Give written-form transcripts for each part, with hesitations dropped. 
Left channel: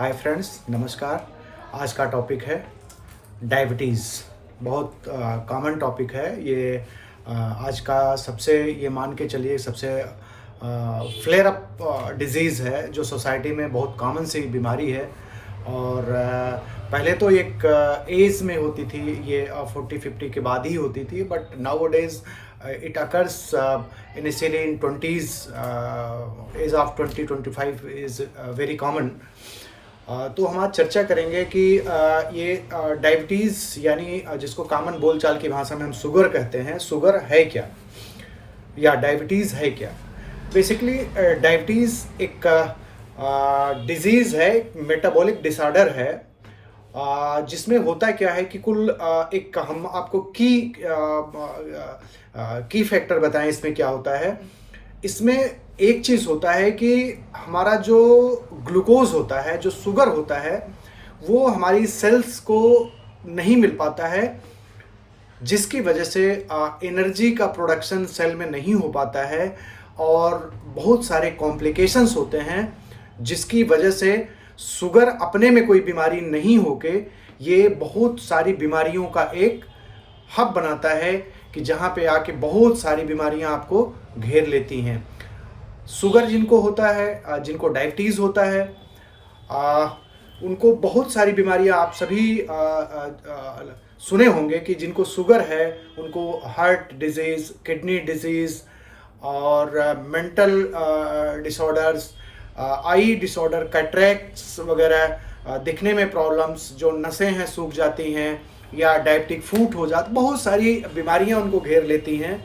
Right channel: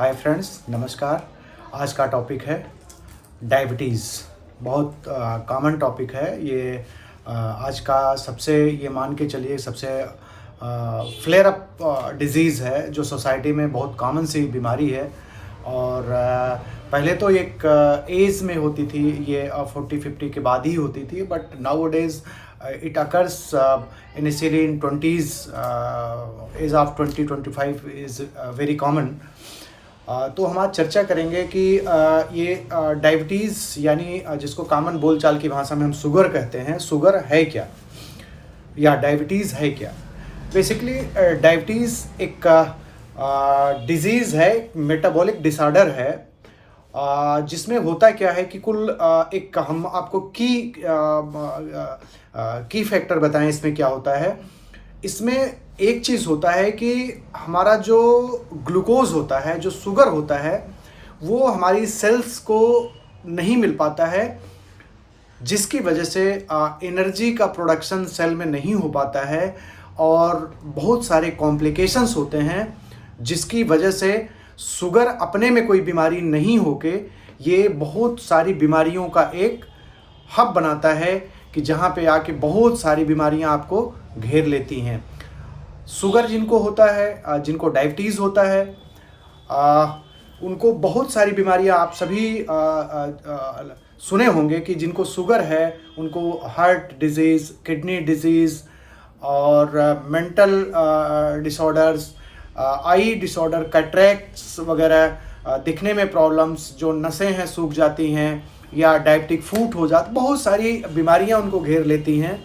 Hi friends, नमस्कार। आज का टॉपिक है डायबिटीज़। बहुत कॉमन टॉपिक है ये। आज का सबसे ये मान के चलिए सबसे फ्लेयर अप डिजीज़ है जो सोसाइटी में बहुत कॉमन सी बीमारी है। और पहले तो एक एज में होती थी, ये 40-50 के बाद ही होती थी, but now days it occurs initially in 20s, age of 20-25 is very common। तो हम आज चर्चा करेंगे कि ये डायबिटीज़ यानी जिसको कॉमन बोलचाल की भाषा में हम शुगर कहते हैं, शुगर है क्या या डायबिटीज़ है क्या। बेसिकली डायबिटीज़ एक डिजीज़ है, मेटाबॉलिक डिसऑर्डर है, जिसमें होता क्या है कि कुल एक हम आपको की फैक्टर बताएं इसमें क्या होता है। इसमें एक चीज़ होता है कि हमारा जो ग्लूकोज होता है, जो शुगर होता है, वो हमारी सेल्स को नहीं मिल पाता है, जिसकी वजह से एनर्जी का प्रोडक्शन सेल में नहीं हो पाता है और बहुत सारे कॉम्प्लिकेशंस होते हैं, जिसकी वजह से शुगर अपने में कोई बीमारी नहीं होके ये बहुत सारी बीमारियों का एक हब बनाता है कि जहाँ पे आके बहुत सारी बीमारियाँ आपको घेर लेती हैं। शुगर जिनको होता है, जिनको डायबिटीज़ होता है, उनको बहुत सारी बीमारियाँ आप सभी सुने होंगे कि जिनको शुगर है उनको हार्ट डिजीज़, किडनी डिजीज़ और मेंटल डिसऑर्डर्स, आई डिसऑर्डर, कैटरेक्ट्स वगैरह, दिखने में प्रॉब्लम्स, जो नसें हैं सूख जाती हैं या डायबिटिक फूट हो जाता, बहुत सारी बीमारियां उनको घेर लेती हैं।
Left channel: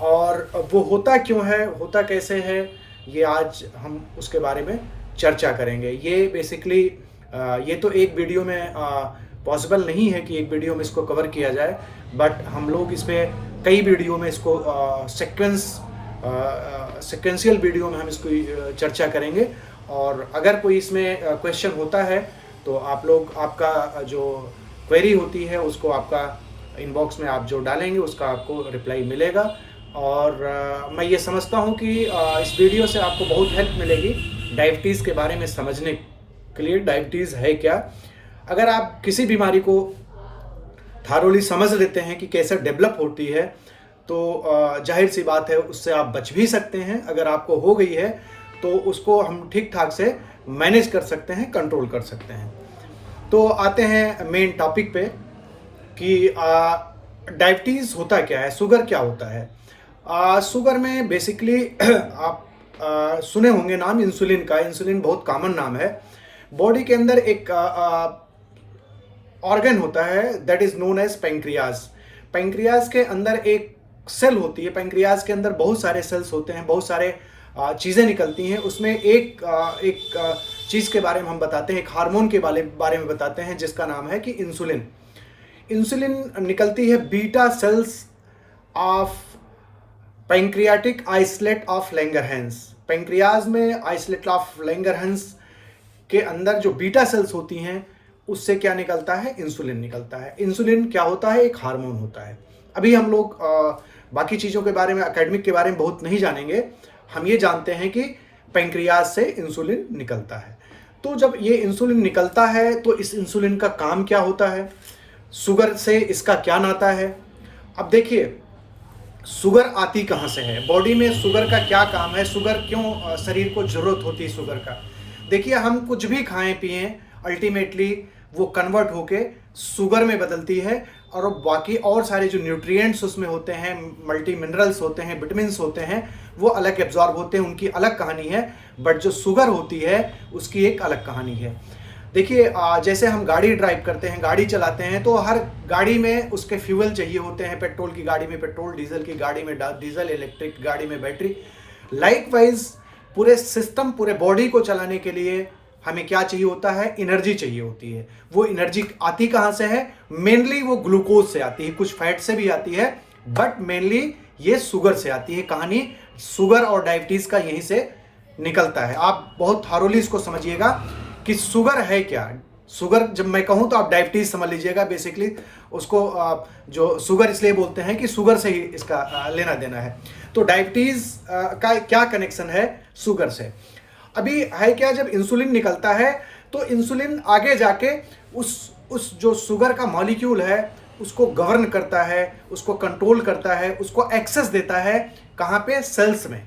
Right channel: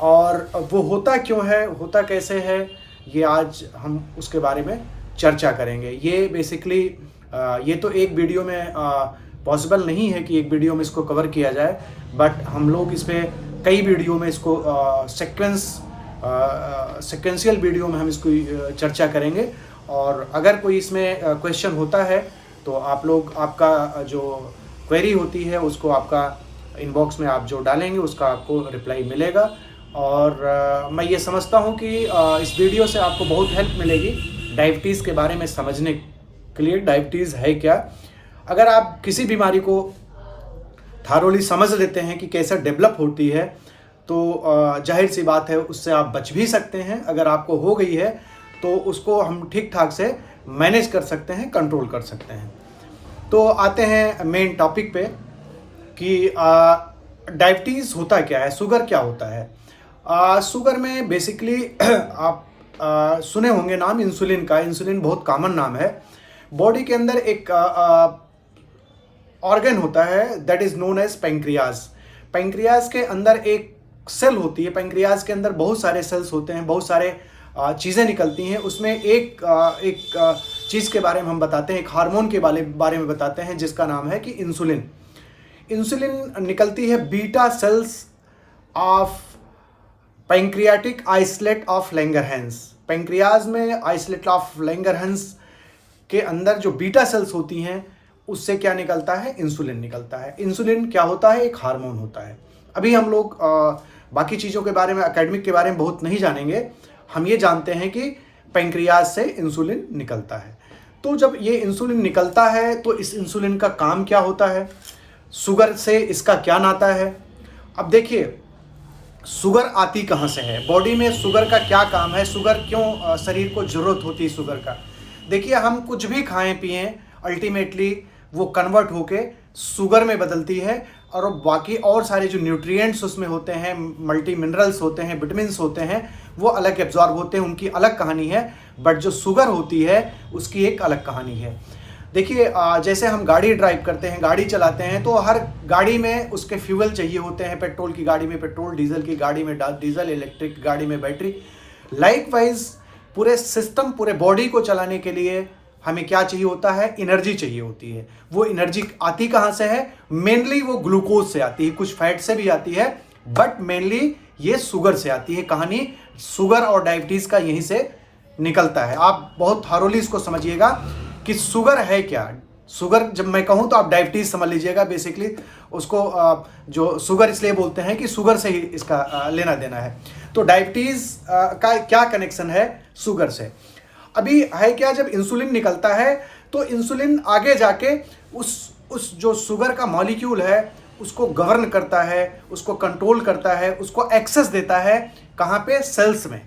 और वो होता क्यों है, होता कैसे है, ये आज हम उसके बारे में चर्चा करेंगे। ये बेसिकली ये तो एक वीडियो में पॉसिबल नहीं है कि एक वीडियो में इसको कवर किया जाए, बट हम लोग इस पर कई वीडियो में इसको सिक्वेंशियल वीडियो में हम इसको चर्चा करेंगे। और अगर कोई इसमें क्वेश्चन होता है तो आप लोग, आपका जो क्वेरी होती है उसको आपका इनबॉक्स में आप जो डालेंगे उसका आपको रिप्लाई मिलेगा। और मैं ये समझता हूँ कि इस वीडियो से आपको बहुत हेल्प मिलेगी डायबिटीज़ के बारे में समझने के लिए। डायबिटीज़ है क्या, अगर आप किसी बीमारी को थारोली समझ लेते हैं कि कैसे डेवलप होती है, तो जाहिर सी बात है उससे आप बच भी सकते हैं। अगर आपको हो गई है तो उसको हम ठीक ठाक से मैनेज कर सकते हैं, कंट्रोल कर सकते हैं। तो आते हैं मेन टॉपिक पे कि डायबिटीज़ होता क्या है, शुगर क्या होता है। शुगर में बेसिकली आप सुने होंगे नाम इंसुलिन का। इंसुलिन बहुत कॉमन नाम है। बॉडी के अंदर एक ऑर्गन होता है that is known as pancreas. Pancreas के अंदर एक सेल होती है। पेंक्रियाज के अंदर बहुत सारे सेल्स होते हैं, बहुत सारे चीज़ें निकलती हैं। उसमें एक चीज़ के बारे में हम बताते हैं, एक हार्मोन के बारे में बताते हैं जिसका नाम है कि इंसुलिन। इंसुलिन निकलती है beta cells of pancreatic islet of Langerhans. Pancreas में आइसलेट ऑफ लैंगरहैंस के अंदर जो बीटा सेल्स होती हैं उससे क्या निकलता है, इंसुलिन निकलता है। इंसुलिन क्या होता है, एक हार्मोन होता है। अभी हम लोग बाकी चीज़ों के बारे में, एकेडमिक के बारे में बहुत नहीं जानेंगे। हम ये जानते हैं कि पैंक्रियाज से इंसुलिन निकलता है। तो जब ये इंसुलिन निकलता है तो इस इंसुलिन का काम क्या होता है, शुगर से इसका क्या नाता है। अब देखिए, शुगर आती कहाँ से है, बॉडी में शुगर का क्या काम है, शुगर क्यों शरीर को जरूरत होती है शुगर का। देखिए, हम कुछ भी खाएं पिएं, अल्टीमेटली वो कन्वर्ट होके शुगर में बदलती है। और बाकी और सारे जो न्यूट्रिएंट्स उसमें होते हैं, मल्टी मिनरल्स होते हैं, विटामिन्स होते हैं, वो अलग एब्जॉर्ब होते हैं, उनकी अलग कहानी है। बट जो शुगर होती है उसकी एक अलग कहानी है। देखिए, जैसे हम गाड़ी ड्राइव करते हैं, गाड़ी चलाते हैं, तो हर गाड़ी में उसके फ्यूल चाहिए होते हैं। पेट्रोल की गाड़ी में पेट्रोल, डीजल की गाड़ी में डीजल, इलेक्ट्रिक गाड़ी में बैटरी। लाइकवाइज पूरे सिस्टम, पूरे बॉडी को चलाने के लिए हमें क्या चाहिए होता है, एनर्जी चाहिए होती है। वो एनर्जी आती कहाँ से है, मेनली वो ग्लूकोज से आती है, कुछ फैट से भी आती है, बट मेनली ये शुगर से आती है। कहानी शुगर और डायबिटीज़ का यहीं से निकलता है। आप बहुत थारोली इसको समझिएगा कि शुगर है क्या। शुगर जब मैं कहूँ तो आप डायबिटीज़ समझ लीजिएगा। बेसिकली उसको जो शुगर इसलिए बोलते हैं कि शुगर से ही इसका लेना देना है। तो डायबिटीज़ का क्या कनेक्शन है शुगर से। अभी है क्या, जब इंसुलिन निकलता है तो इंसुलिन आगे जाके उस जो शुगर का मॉलिक्यूल है उसको गवर्न करता है, उसको कंट्रोल करता है, उसको एक्सेस देता है। कहाँ पे? सेल्स में।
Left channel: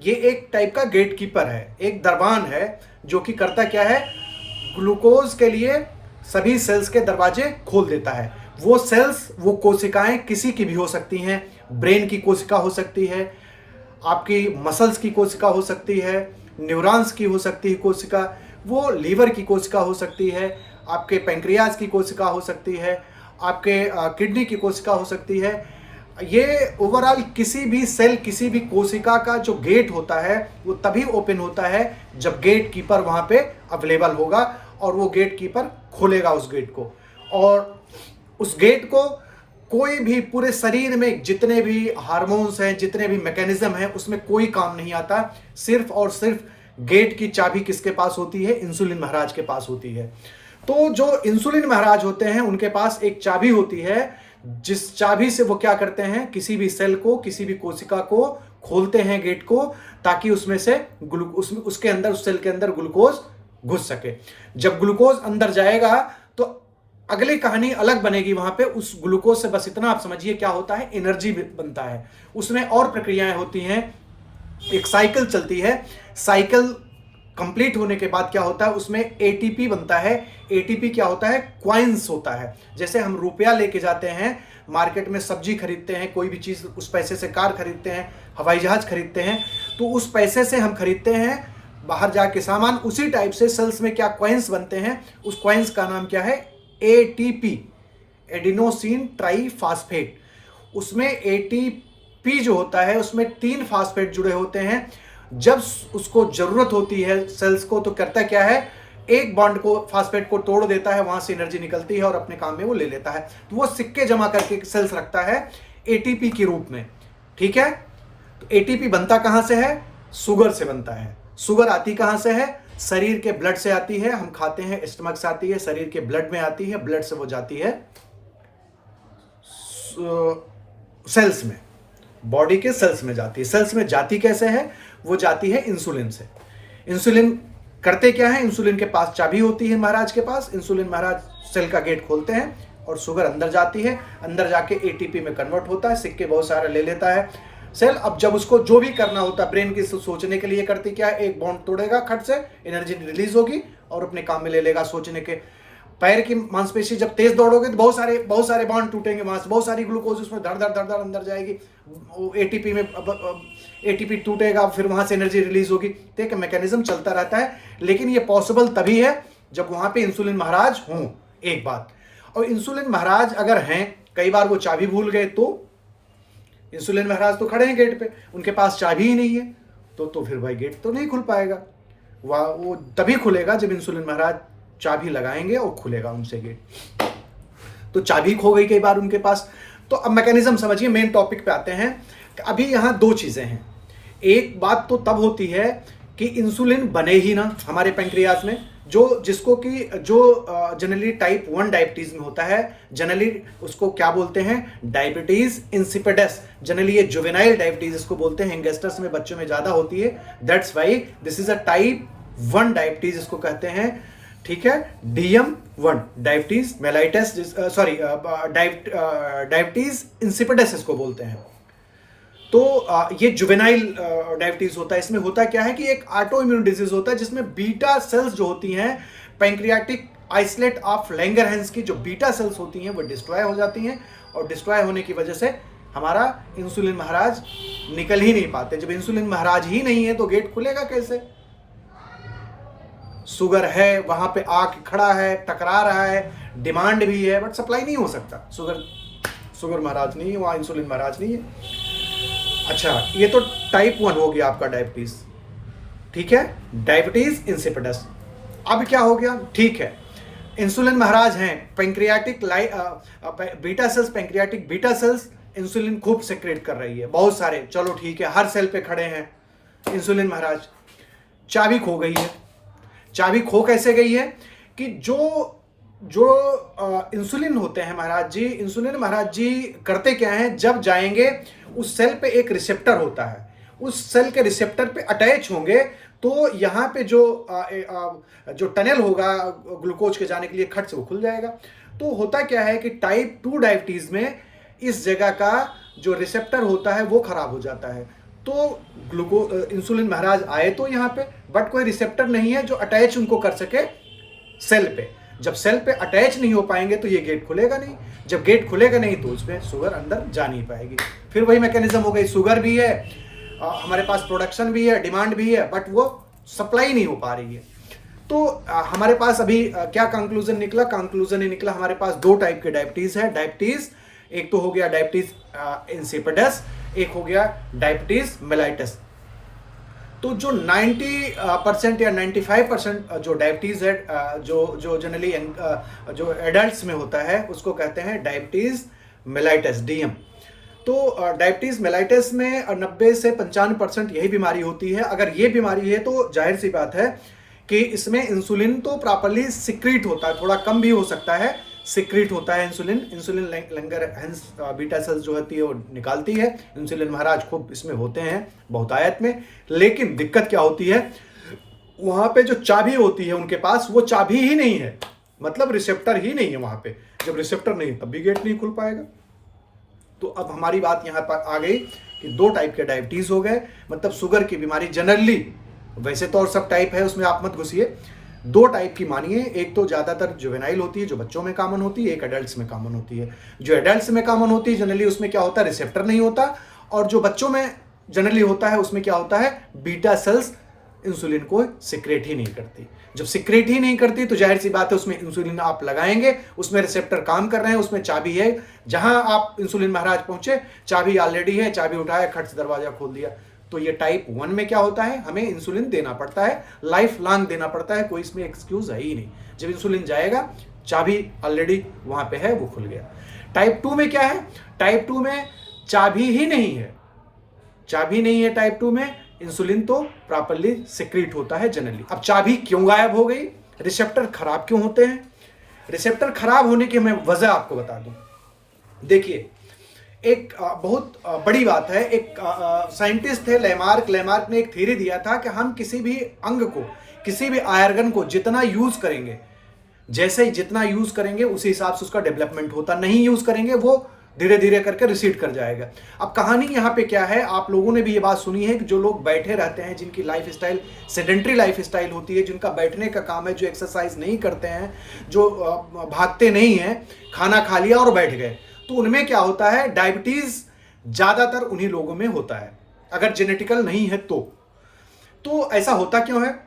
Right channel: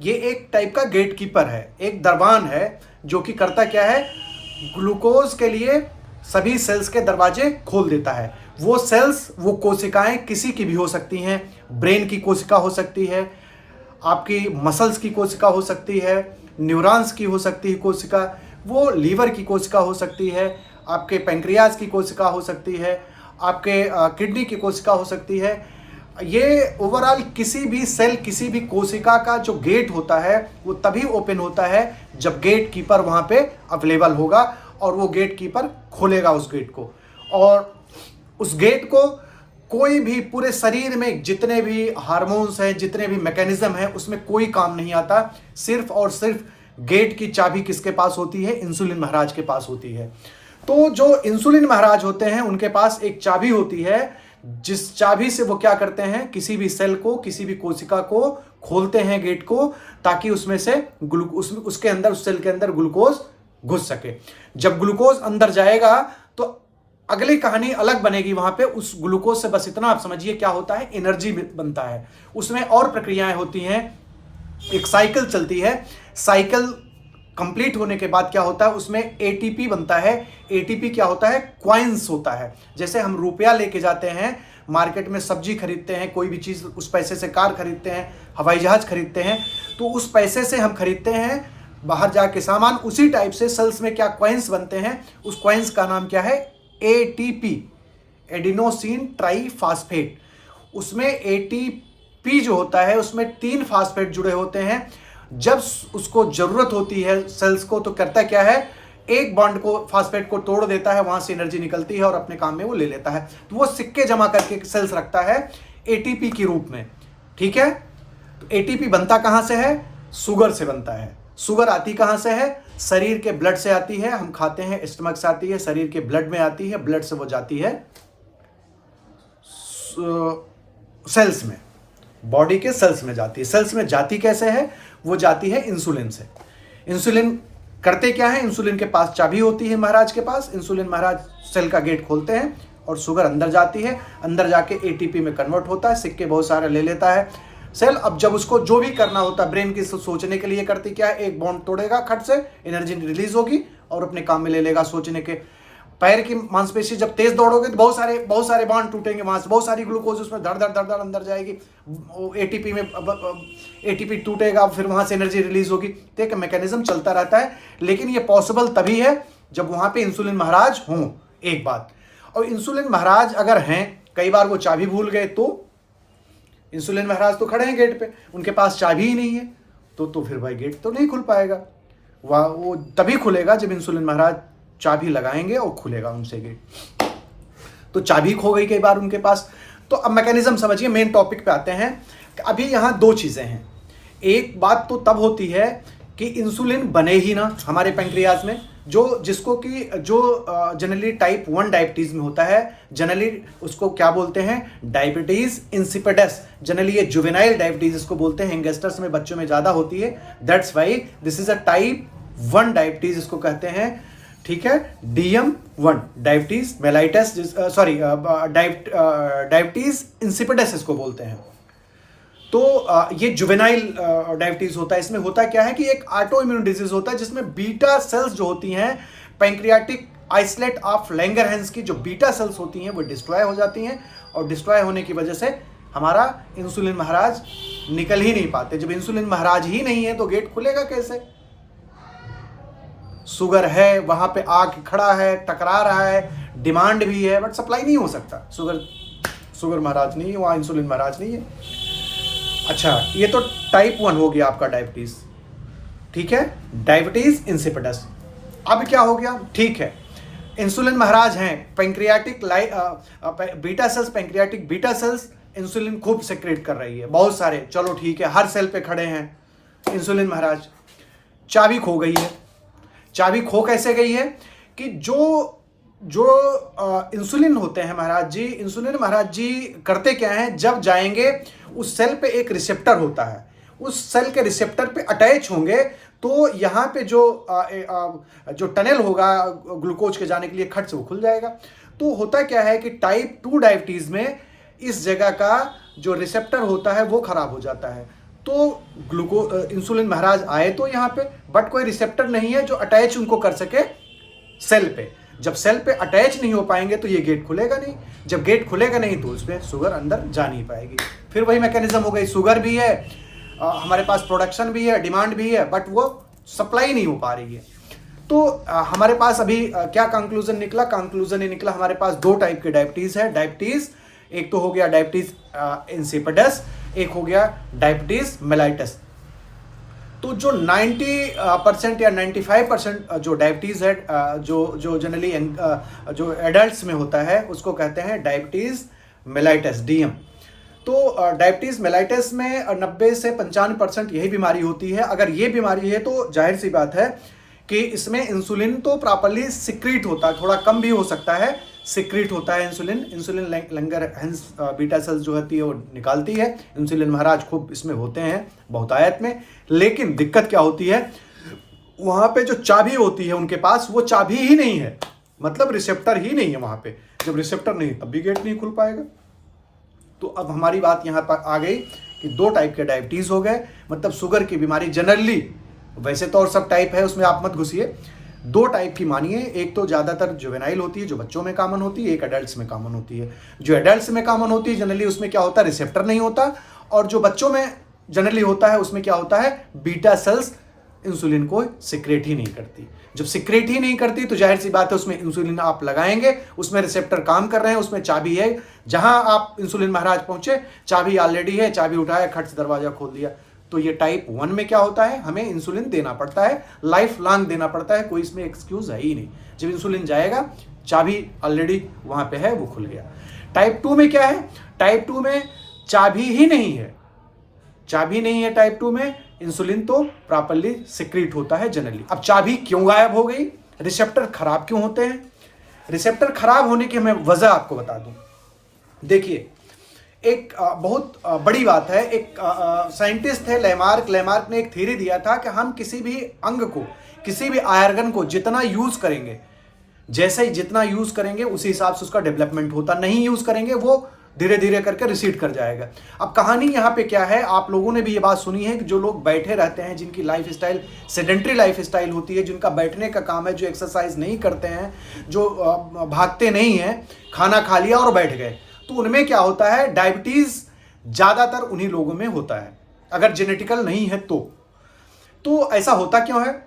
ये एक टाइप का गेट कीपर है, एक दरबान है, जो कि करता क्या है, ग्लूकोज के लिए सभी सेल्स के दरवाजे खोल देता है। वो सेल्स, वो कोशिकाएं किसी की भी हो सकती हैं, ब्रेन की कोशिका हो सकती है, आपकी मसल्स की कोशिका हो सकती है, न्यूरॉन्स की हो सकती है कोशिका, वो लीवर की कोशिका हो सकती है, आपके पैंक्रियाज की कोशिका हो सकती है, आपके किडनी की कोशिका हो सकती है। ये ओवरऑल किसी भी सेल, किसी भी कोशिका का जो गेट होता है वो तभी ओपन होता है जब गेट कीपर वहाँ पे अवेलेबल होगा, और वो गेट कीपर खोलेगा उस गेट को। और उस गेट को कोई भी पूरे शरीर में जितने भी हार्मोन्स हैं, जितने भी मैकेनिज्म हैं, उसमें कोई काम नहीं आता। सिर्फ और सिर्फ गेट की चाबी किसके पास होती है? इंसुलिन महाराज के पास होती है। तो जो इंसुलिन महाराज होते हैं उनके पास एक चाबी होती है, जिस चाबी से वो क्या करते हैं, किसी भी सेल को, किसी भी कोशिका को खोलते हैं गेट को, ताकि उसमें से उसके अंदर, उस सेल के अंदर ग्लूकोज घुस सके। जब ग्लूकोज अंदर जाएगा तो अगली कहानी अलग बनेगी। वहां पे उस ग्लूकोज से बस इतना आप समझिए क्या होता है, एनर्जी बनता है। उसमें और प्रक्रियाएं होती हैं, एक साइकिल चलती है। साइकिल कंप्लीट होने के बाद क्या होता है, उसमें एटीपी बनता है। एटीपी क्या होता है? क्वाइंस होता है। जैसे हम रुपया लेके जाते हैं मार्केट में, सब्जी खरीदते हैं, कोई भी चीज, उस पैसे से कार खरीदते हैं, हवाई जहाज खरीदते हैं, तो उस पैसे से हम खरीदते हैं बाहर जाके सामान। उसी टाइप से सेल्स में क्या क्वाइंस बनते हैं, उस क्वाइंस का नाम क्या है? ATP, adenosine triphosphate. उसमें एटीपी जो होता है उसमें 3 फास्फेट जुड़े होते हैं। जब उसको जरूरत होती है सेल्स को, तो करता क्या है, एक बॉन्ड को, फास्फेट को तोड़ देता है, वहां से एनर्जी निकलती है और अपने काम में वो ले लेता है। तो वो सिक्के जमा करके सेल्स रखता है एटीपी के रूप में। ठीक है, तो एटीपी बनता कहां से है? शुगर से बनता है। शुगर आती कहां से है? शरीर के ब्लड से आती है। हम खाते हैं, स्टमक से आती है, शरीर के ब्लड में आती है, ब्लड से वो जाती है सेल्स में, बॉडी के सेल्स में जाती है। सेल्स में जाती कैसे है? वो जाती है इंसुलिन से। इंसुलिन करते क्या है? इंसुलिन के पास चाबी होती है महाराज के पास। इंसुलिन महाराज सेल का गेट खोलते हैं और शुगर अंदर जाती है। अंदर जाके एटीपी में कन्वर्ट होता है, सिक्के बहुत सारे ले लेता है सेल। अब जब उसको जो भी करना होता है ब्रेन की सोचने के लिए, करती क्या है, एक बॉन्ड तोड़ेगा खट से, एनर्जी रिलीज होगी और अपने काम में ले लेगा सोचने के। पैर की मांसपेशी जब तेज दौड़ोगे तो बहुत सारे बॉन्ड टूटेंगे, वहां से बहुत सारी ग्लूकोज उसमें धड़ धड़ धड़ धड़ अंदर जाएगी, एटीपी में एटीपी टूटेगा, फिर वहां से एनर्जी रिलीज होगी। तो एक मैकेनिज्म चलता रहता है। लेकिन ये पॉसिबल तभी है जब वहां पे इंसुलिन महाराज हों, एक बात। और इंसुलिन महाराज अगर हैं, कई बार वो चाबी भूल गए, तो इंसुलिन महाराज तो खड़े हैं गेट पे, उनके पास चाबी ही नहीं है, तो फिर भाई गेट तो नहीं खुल पाएगा। वो तभी खुलेगा जब इंसुलिन महाराज चाबी लगाएंगे और खुलेगा उनसे गेट। तो चाबी खो गई कई बार उनके पास। तो अब मैकेनिज्म समझिए, मेन टॉपिक पे आते हैं। अभी यहाँ 2 चीजें हैं। एक बात तो तब होती है कि इंसुलिन बने ही ना हमारे पैंक्रियाज में, जो जनरली टाइप 1 डायबिटीज में होता है। जनरली उसको क्या बोलते हैं? Diabetes insipidus. जनरली ये जुवेनाइल डायबिटीज इसको बोलते हैं, यंगस्टर्स में, बच्चों में ज्यादा होती है। That's why this is a type 1 diabetes इसको कहते हैं। ठीक है, DM1 diabetes mellitus, sorry diabetes insipidus इसको बोलते हैं। तो ये जुवेनाइल डायबिटीज होता है। इसमें होता क्या है कि एक ऑटो इम्यून डिजीज होता है, जिसमें बीटा सेल्स जो होती हैं, पैंक्रियाटिक आइसलेट ऑफ लैंगरहैंस की जो बीटा सेल्स होती हैं वो डिस्ट्रॉय हो जाती हैं, और डिस्ट्रॉय होने की वजह से हमारा इंसुलिन महाराज निकल ही नहीं पाते। जब इंसुलिन महाराज ही नहीं है तो गेट खुलेगा कैसे? शुगर है, वहां पे आके खड़ा है, टकरा रहा है, डिमांड भी है, बट सप्लाई नहीं हो सकता। शुगर महाराज नहीं है, वहां इंसुलिन महाराज नहीं है। अच्छा, ये तो टाइप 1 हो गया आपका डायबिटीज। ठीक है, डायबिटीज इंसिपिडस। अब क्या हो गया? ठीक है, इंसुलिन महाराज हैं, pancreatic beta cells, pancreatic beta cells insulin खूब सेक्रेट कर रही है, बहुत सारे। चलो ठीक है, हर सेल पे खड़े हैं इंसुलिन महाराज। चाबी खो गई है। चाबी खो कैसे गई है कि जो इंसुलिन होते हैं महाराज जी, इंसुलिन महाराज जी करते क्या हैं, जब जाएंगे उस सेल पे एक रिसेप्टर होता है, उस सेल के रिसेप्टर पे अटैच होंगे तो यहाँ पे जो टनल होगा ग्लूकोज के जाने के लिए खट से वो खुल जाएगा। तो होता क्या है कि टाइप 2 डायबिटीज में इस जगह का जो रिसेप्टर होता है वो खराब हो जाता है। तो इंसुलिन महाराज आए तो यहाँ पे, बट कोई रिसेप्टर नहीं है जो अटैच उनको कर सके सेल पे। जब सेल पे अटैच नहीं हो पाएंगे तो ये गेट खुलेगा नहीं, जब गेट खुलेगा नहीं तो उसमें शुगर अंदर जा नहीं पाएगी। फिर वही मैकेनिज्म हो गई, शुगर भी है, हमारे पास प्रोडक्शन भी है, डिमांड भी है, बट वो सप्लाई नहीं हो पा रही है। तो हमारे पास अभी क्या कंक्लूजन निकला? कंक्लूजन ये निकला हमारे पास 2 टाइप के डायबिटीज है। डायबिटीज एक तो हो गया डायबिटीज इंसिपिडस, एक हो गया डायबिटीज मेलाइटस। तो जो 90% या 95% जो डायबिटीज है, जो जनरली जो एडल्ट्स में होता है, उसको कहते हैं डायबिटीज मेलाइटस, डीएम। तो डायबिटीज मेलाइटस में 90 से 95% यही बीमारी होती है। अगर ये बीमारी है तो जाहिर सी बात है कि इसमें इंसुलिन तो प्रॉपर्ली सिक्रीट होता है, थोड़ा कम भी हो सकता है, सिक्रीट होता है इंसुलिन लंगरहैंस बीटा सेल्स जो होती है वो निकालती है। इंसुलिन महाराज खूब इसमें होते हैं बहुतायत में। लेकिन दिक्कत क्या होती है, वहां पे जो चाबी होती है उनके पास, वो चाबी ही नहीं है, मतलब रिसेप्टर ही नहीं है वहां पे। जब रिसेप्टर नहीं तब भी गेट नहीं खुल पाएगा। तो अब हमारी बात यहाँ पर आ गई कि 2 टाइप के डायबिटीज हो गए, मतलब शुगर की बीमारी जनरली, वैसे तो और सब टाइप है उसमें आप मत घुसिए, 2 टाइप की मानिए। एक तो ज्यादातर जुवेनाइल होती है जो बच्चों में कॉमन होती है, एक एडल्ट्स में कॉमन होती है। जो एडल्ट्स में कॉमन होती है जनरली उसमें क्या होता है, रिसेप्टर नहीं होता, और जो बच्चों में जनरली होता है उसमें क्या होता है, बीटा सेल्स इंसुलिन को सिक्रेट ही नहीं करती। जब सिक्रेट ही नहीं करती तो जाहिर सी बात है उसमें इंसुलिन आप लगाएंगे, उसमें रिसेप्टर काम कर रहे हैं, उसमें चाबी है, जहां आप इंसुलिन महाराज पहुंचे चाबी ऑलरेडी है, चाबी उठाया, खट से दरवाजा खोल दिया। तो ये टाइप 1 में क्या होता है, हमें इंसुलिन देना पड़ता है, लाइफ लॉन्ग देना पड़ता है, कोई इसमें एक्सक्यूज है ही नहीं। जब इंसुलिन जाएगा, चाबी ऑलरेडी वहां पे है, वो खुल गया। टाइप 2 में क्या है, टाइप 2 में चाबी ही नहीं है, चाबी नहीं है टाइप 2 में, इंसुलिन तो प्रॉपर्ली सिक्रीट होता है जनरली। अब चाबी क्यों गायब हो गई, रिसेप्टर खराब क्यों होते हैं? रिसेप्टर खराब होने की मैं वजह आपको बता दूं। देखिए, एक बहुत बड़ी बात है, एक साइंटिस्ट थे लेमार्क ने एक थ्योरी दिया था कि हम किसी भी अंग को, किसी भी आयरगन को जितना यूज करेंगे, जैसे ही जितना यूज करेंगे उसी हिसाब से उसका डेवलपमेंट होता, नहीं यूज करेंगे वो धीरे धीरे करके रिसीड कर जाएगा। अब कहानी यहाँ पे क्या है, आप लोगों ने भी ये बात सुनी है कि जो लोग बैठे रहते हैं, जिनकी life style sedentary life style होती है, जिनका बैठने का काम है, जो एक्सरसाइज नहीं करते हैं, जो भागते नहीं हैं, खाना खा लिया और बैठ गए, तो उनमें क्या होता है, डायबिटीज ज्यादातर उन्हीं लोगों में होता है, अगर जेनेटिकल नहीं है तो ऐसा होता क्यों है?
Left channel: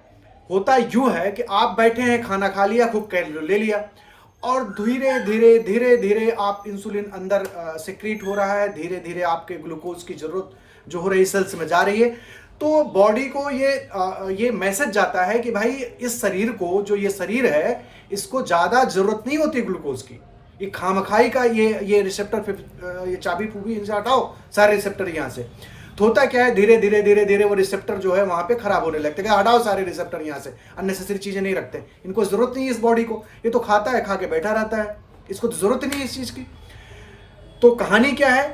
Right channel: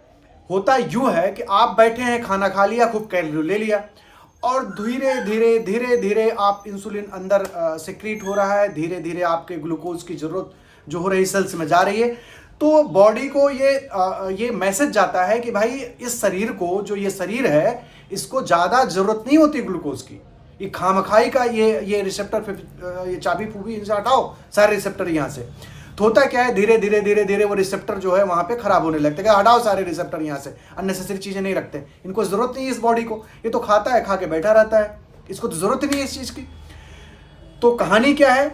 होता यूं है कि आप बैठे हैं, खाना खा लिया, खूब कैलोरी ले लिया, और धीरे धीरे धीरे धीरे आप इंसुलिन अंदर सिक्रीट हो रहा है, धीरे धीरे आपके ग्लूकोज की जरूरत जो हो रही सेल्स में जा रही है। तो बॉडी को ये मैसेज जाता है कि भाई इस शरीर को, जो ये शरीर है, इसको ज्यादा जरूरत नहीं होती ग्लूकोज की, ये खामखाई का ये रिसेप्टर, ये चाबी फूबी इनसे हटाओ सारे रिसेप्टर यहाँ से। तो होता क्या है, धीरे धीरे धीरे धीरे वो रिसेप्टर जो है वहां पे खराब होने लगते हैं। हटाओ सारे रिसेप्टर यहाँ से, अननेसेसरी चीजें नहीं रखते, इनको जरूरत नहीं है इस बॉडी को, ये तो खाता है, खा के बैठा रहता है, इसको तो जरूरत ही नहीं है इस चीज की। तो कहानी क्या है,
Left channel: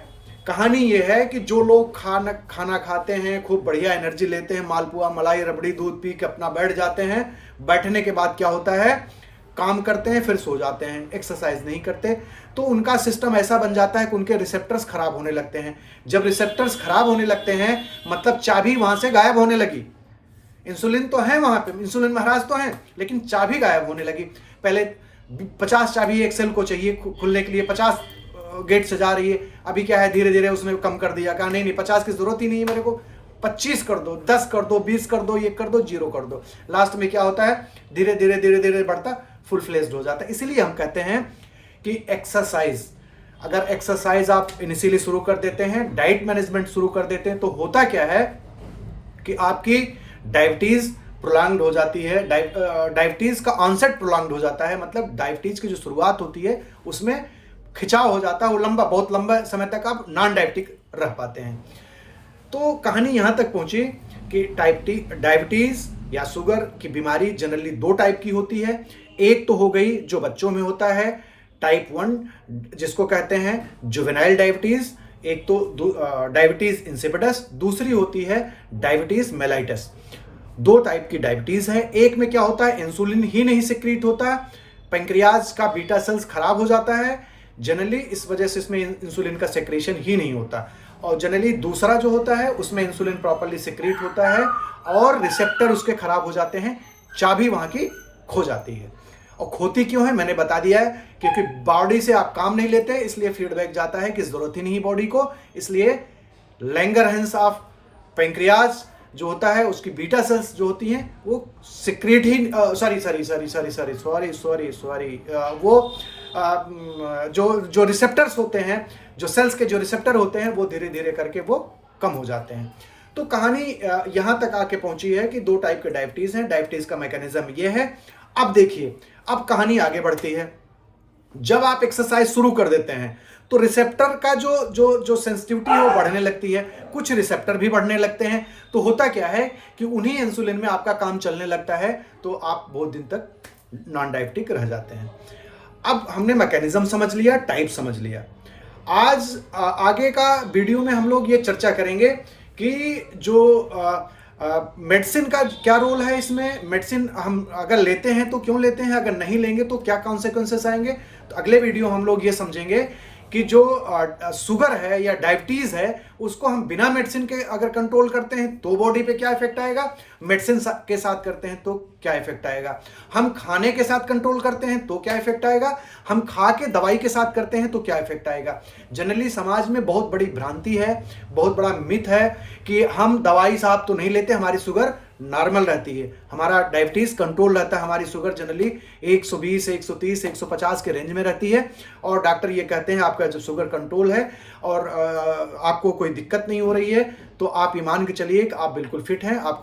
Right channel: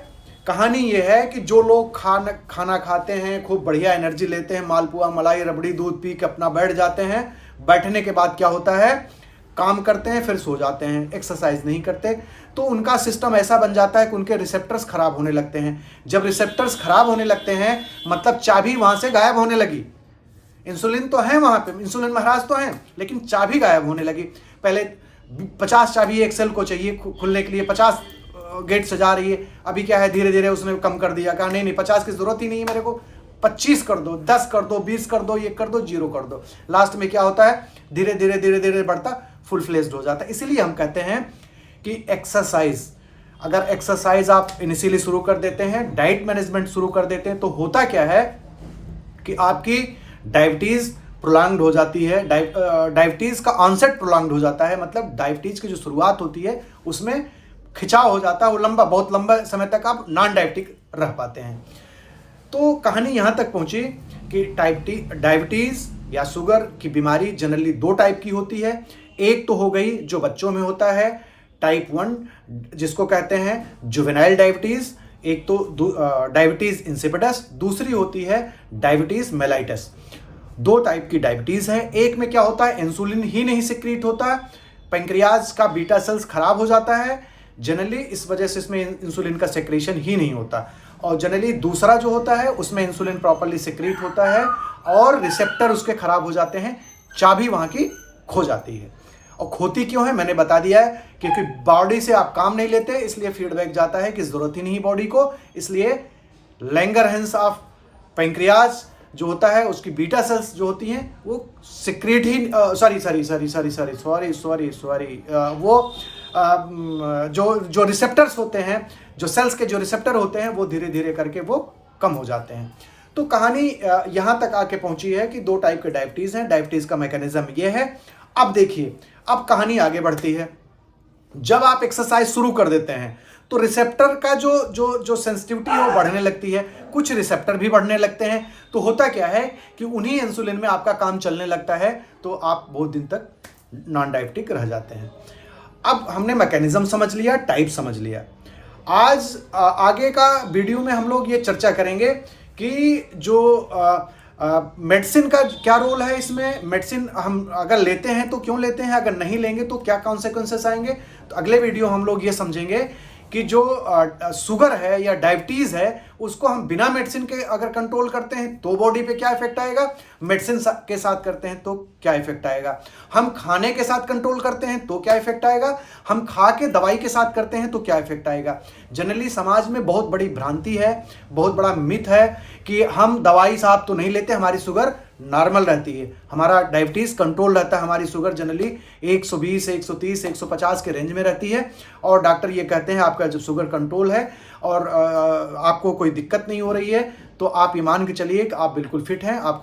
कहानी ये है कि जो लोग खाना खाते हैं, खूब बढ़िया एनर्जी लेते हैं, मालपुआ मलाई रबड़ी दूध पी के अपना बैठ जाते हैं, बैठने के बाद क्या होता है, काम करते हैं, फिर सो जाते हैं, एक्सरसाइज नहीं करते, तो उनका सिस्टम ऐसा बन जाता है कि उनके रिसेप्टर्स खराब होने लगते हैं। जब रिसेप्टर्स खराब होने लगते हैं, मतलब चाबी वहां से गायब होने लगी। इंसुलिन तो है वहां पे, इंसुलिन महाराज तो है, लेकिन चाबी गायब होने लगी। पहले 50 चाबी एक सेल को चाहिए खुलने के लिए, 50 गेट से जा रही है, अभी क्या है, धीरे धीरे उसने कम कर दिया, कहा नहीं 50 की जरूरत ही नहीं है मेरे को, 25 कर दो, 10 कर दो, 20 कर दो, ये कर दो, 0 कर दो। लास्ट में क्या होता है, धीरे धीरे धीरे धीरे बढ़ता फुल फ्लेज्ड हो जाता है। इसीलिए हम कहते हैं कि एक्सरसाइज, अगर एक्सरसाइज आप इनिशियली शुरू कर देते हैं, डाइट मैनेजमेंट शुरू कर देते हैं, तो होता क्या है कि आपकी डायबिटीज प्रोलॉन्ग्ड हो जाती है, डायबिटीज का ऑनसेट प्रोलॉन्ग्ड हो जाता है, मतलब डायबिटीज की जो शुरुआत होती है उसमें खिंचाव हो जाता है, वो बहुत लंबा समय तक आप नॉन डायबिटिक रह पाते हैं। तो कहानी यहां तक पहुंची कि डायबिटीज या शुगर की बीमारी जनरली 2 टाइप की होती है। एक तो हो गई जो बच्चों में होता है, टाइप 1, जिसको कहते हैं जुवेनाइल डायबिटीज, एक तो डायबिटीज इंसिपिडस, दूसरी होती है डायबिटीज मेलाइटस। दो टाइप की डायबिटीज़ है। एक में क्या होता है, इंसुलिन ही नहीं सिक्रीट होता, पैंक्रियाज का बीटा सेल्स खराब हो जाता है जनरली, इस वजह से इसमें इंसुलिन का सेक्रेशन ही नहीं होता। और जनरली दूसरा जो होता है उसमें इंसुलिन प्रॉपर्ली सिक्रीट होता है और रिसेप्टर उसके खराब हो जाते हैं, चाबी वहाँ की खो जाती है। और खोती क्यों है मैंने बता दिया है, क्योंकि बॉडी से आप काम नहीं लेते, इसलिए फीडबैक जाता है कि ज़रूरत ही नहीं बॉडी को, इसलिए लैंगरहैंस ऑफ पैंक्रियाज जो होता है उसकी बीटा सेल्स जो होती हैं वो सिक्रेट ही वो जो रिसेप्टर्स होते हैं, जो सेल्स के जो रिसेप्टर होते हैं वो धीरे धीरे करके वो कम हो जाते हैं। तो कहानी यहाँ तक आके पहुंची है कि दो टाइप के डायबिटीज़ हैं, डायबिटीज़ का मैकेनिज्म ये है। अब देखिए, अब कहानी आगे बढ़ती है। जब आप एक्सरसाइज शुरू कर देते हैं तो रिसेप्टर का जो सेंसिटिविटी है वो बढ़ने लगती है, कुछ रिसेप्टर भी बढ़ने लगते हैं। तो होता क्या है कि उन्हीं इंसुलिन में आपका काम चलने लगता है, तो आप बहुत दिन तक नॉन डायबिटिक रह जाते हैं। अब हमने मैकेनिज्म समझ लिया, टाइप समझ लिया। आज आगे का वीडियो में हम लोग ये चर्चा करेंगे कि जो मेडिसिन का क्या रोल है इसमें, मेडिसिन हम अगर लेते हैं तो क्यों लेते हैं, अगर नहीं लेंगे तो क्या कॉन्सिक्वेंसेस आएंगे। तो अगले वीडियो हम लोग ये समझेंगे कि जो शुगर है या डायबिटीज़ है उसको हम बिना मेडिसिन के अगर कंट्रोल करते हैं तो बॉडी पे क्या इफेक्ट आएगा, मेडिसिन के साथ करते हैं तो क्या इफेक्ट आएगा, हम खाने के साथ कंट्रोल करते हैं तो क्या इफेक्ट आएगा, हम खा के दवाई के साथ करते हैं तो क्या इफेक्ट आएगा। जनरली समाज में बहुत बड़ी भ्रांति है, बहुत बड़ा मिथ है कि हम दवाई साहब तो नहीं लेते, हमारी शुगर नॉर्मल रहती है, हमारा डायबिटीज़ कंट्रोल रहता है, हमारी शुगर जनरली 120, 130, 150 के रेंज में रहती है और डॉक्टर ये कहते हैं आपका जो शुगर कंट्रोल है और आपको कोई दिक्कत नहीं हो रही है, तो आप ये मान के चलिए कि आप बिल्कुल फिट हैं, आपको